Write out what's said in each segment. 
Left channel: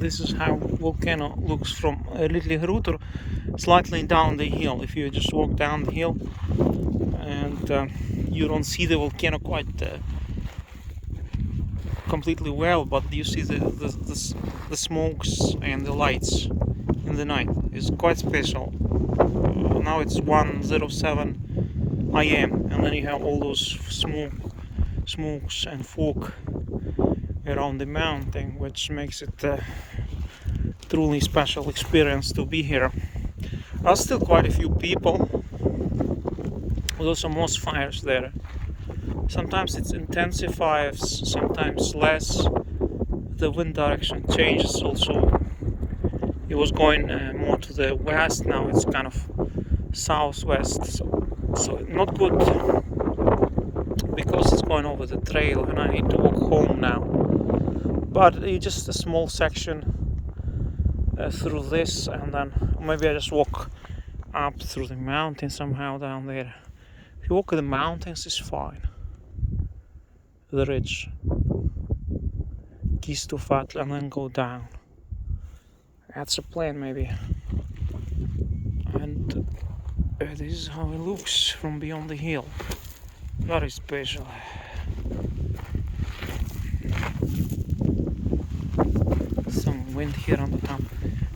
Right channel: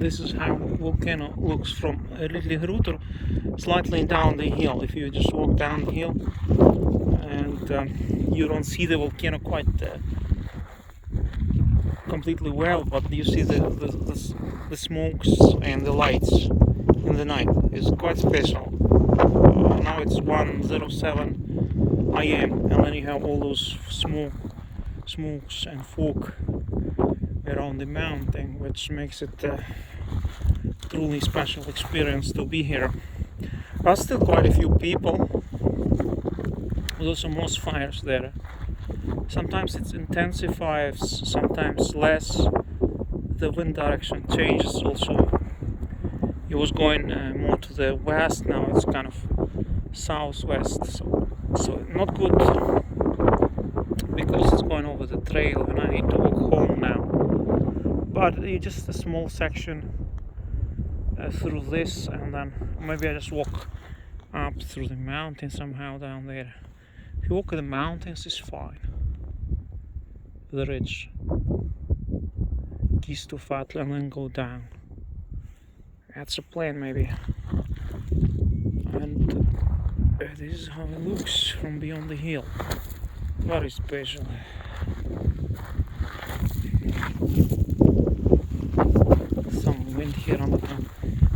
This is how Volcano looks from Litlihrutur, slightly down the hill. If you just walk down the hill, and you don't see the volcano quite completely well, but you see the smokes and the lights in the night. It's quite special. Now it's 1:07 a.m. and then you have all those smokes and fog around the mountain, which makes it a truly special experience to be here. There are still quite a few people. There's also moss fires there. Sometimes it intensifies, sometimes less. The wind direction changes also. It was going more to the west, now it's kind of southwest, so not good because it's going over the trail and I need to walk home now. But it's just a small section through this, and then maybe I just walk up through the mountain somehow down there. If you walk in the mountains, it's fine. The ridge, Kistufat, and then go down. That's a plan maybe. And this is how it looks from beyond the hill. Very special. Some wind here on the top.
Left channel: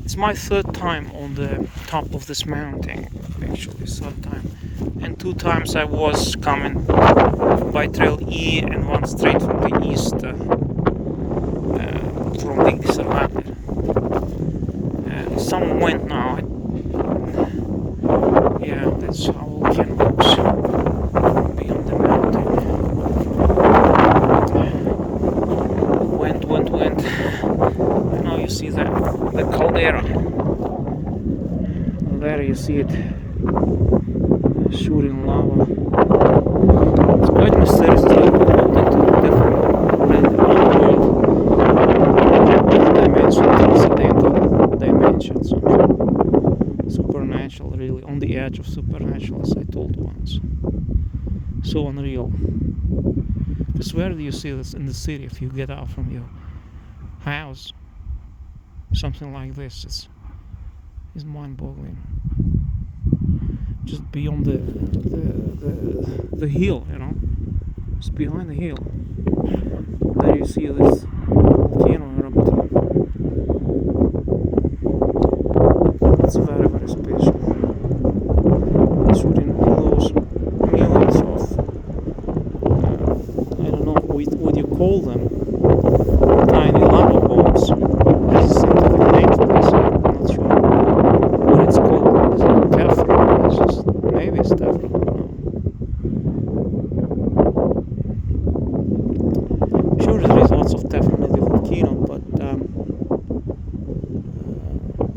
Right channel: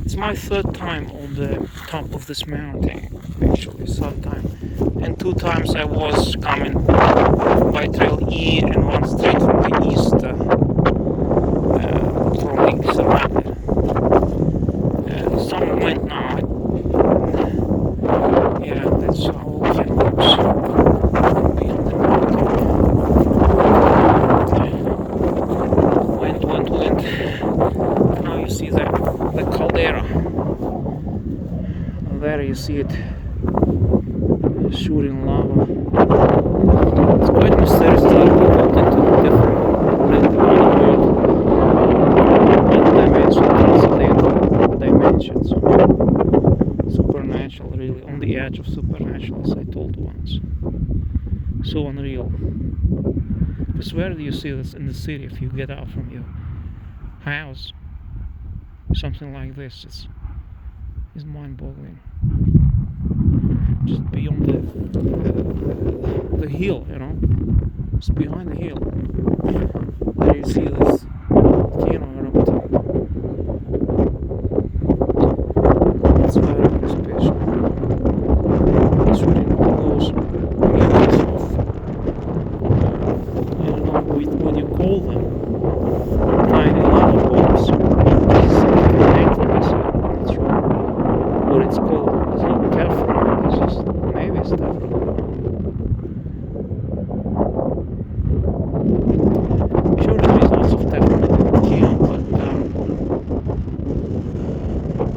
It's my third time on the top of this mountain, actually, third time. And 2 times I was coming by Trail E and one straight from the east from Iceland. Some wind now. Yeah, that's how Volcano looks beyond the mountain. Wind. And now you see the caldera. There you see it shooting lava. It's quite mysterious to look into different dimensions. Supernatural, really, on the edge of supernatural, as I told once. So unreal. Because where do you see this in the city? If you get out from your house, something like this is mind-boggling. Just beyond the hill, you know, just behind the hill. There you see this volcano erupting. It's very, very special. Shooting all those millions of, I don't know what you call them, tiny lava balls. This is something dangerous. I'm not sure what it's called. It's not Teflon. It's just, maybe it's Teflon. Sure, there's lots of Teflon in the volcano, but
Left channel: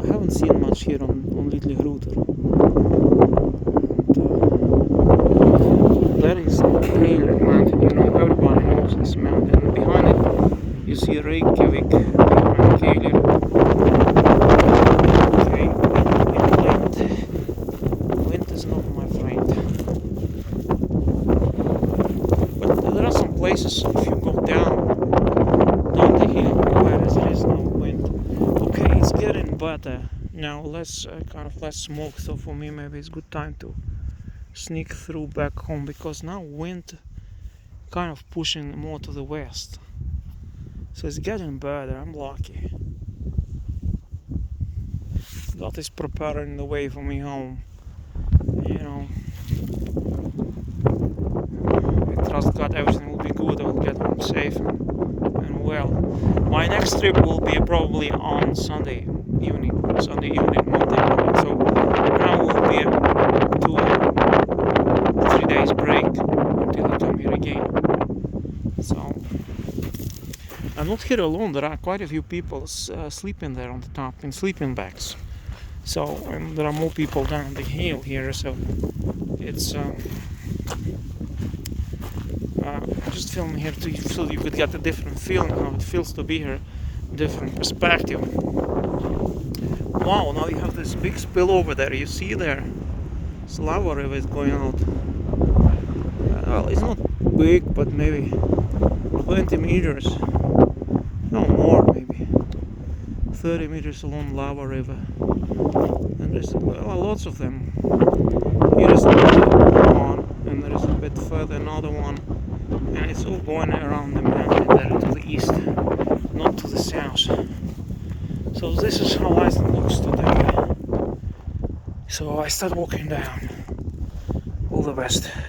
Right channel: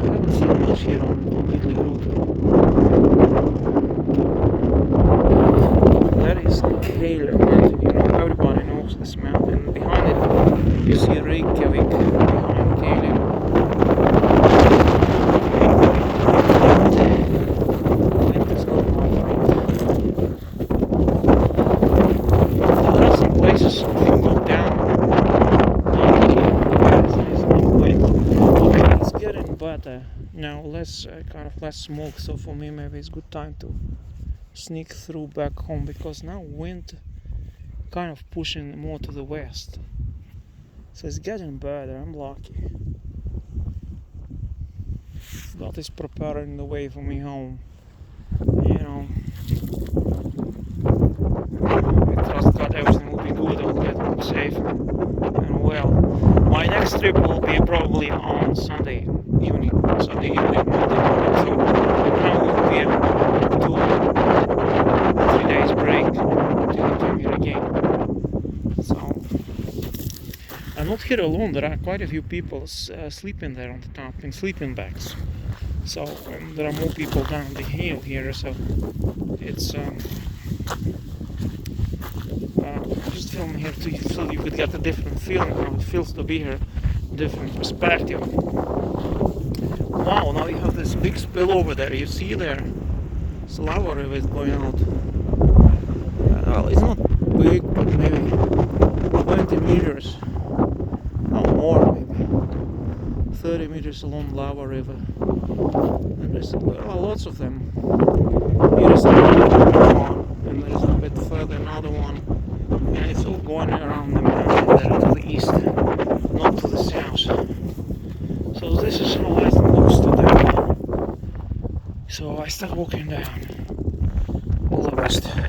I haven't seen much here on Litlihrutur. There is a Kale mountain, you know, everybody knows this mountain. Behind it, you see Reykjavik behind Kale. Wind is not my friend. There are some places if you go down there's no wind. Okay, it's getting better. Now less smoke, so for me maybe it's good time to sneak through back home, because now wind kind of pushing more to the west, so it's getting better. I'm lucky. God is preparing the way for me home, you know. I trust God everything will be good. I'll get home safe and well. My next trip will be probably on Sunday evening, Monday morning. So now we'll be able to 3 days break till I come here again. So I'm not here alone. There are quite a few people sleeping there on the top in sleeping bags. So there are more people down the hill here. So it's just filming here so you could get a different feeling how it feels to be here, different perspective. Wow, now you have this big spill over there. You see there, this lava river is going out. Well, it's not big, but maybe 20 meters, no more, maybe 30 meters along lava river, and there's lots of them. Here is another one, and there is a bit further another one, and it's all going around the mountain there to the east, not to the south. So this is how Iceland looks today. So I start walking down. All the best.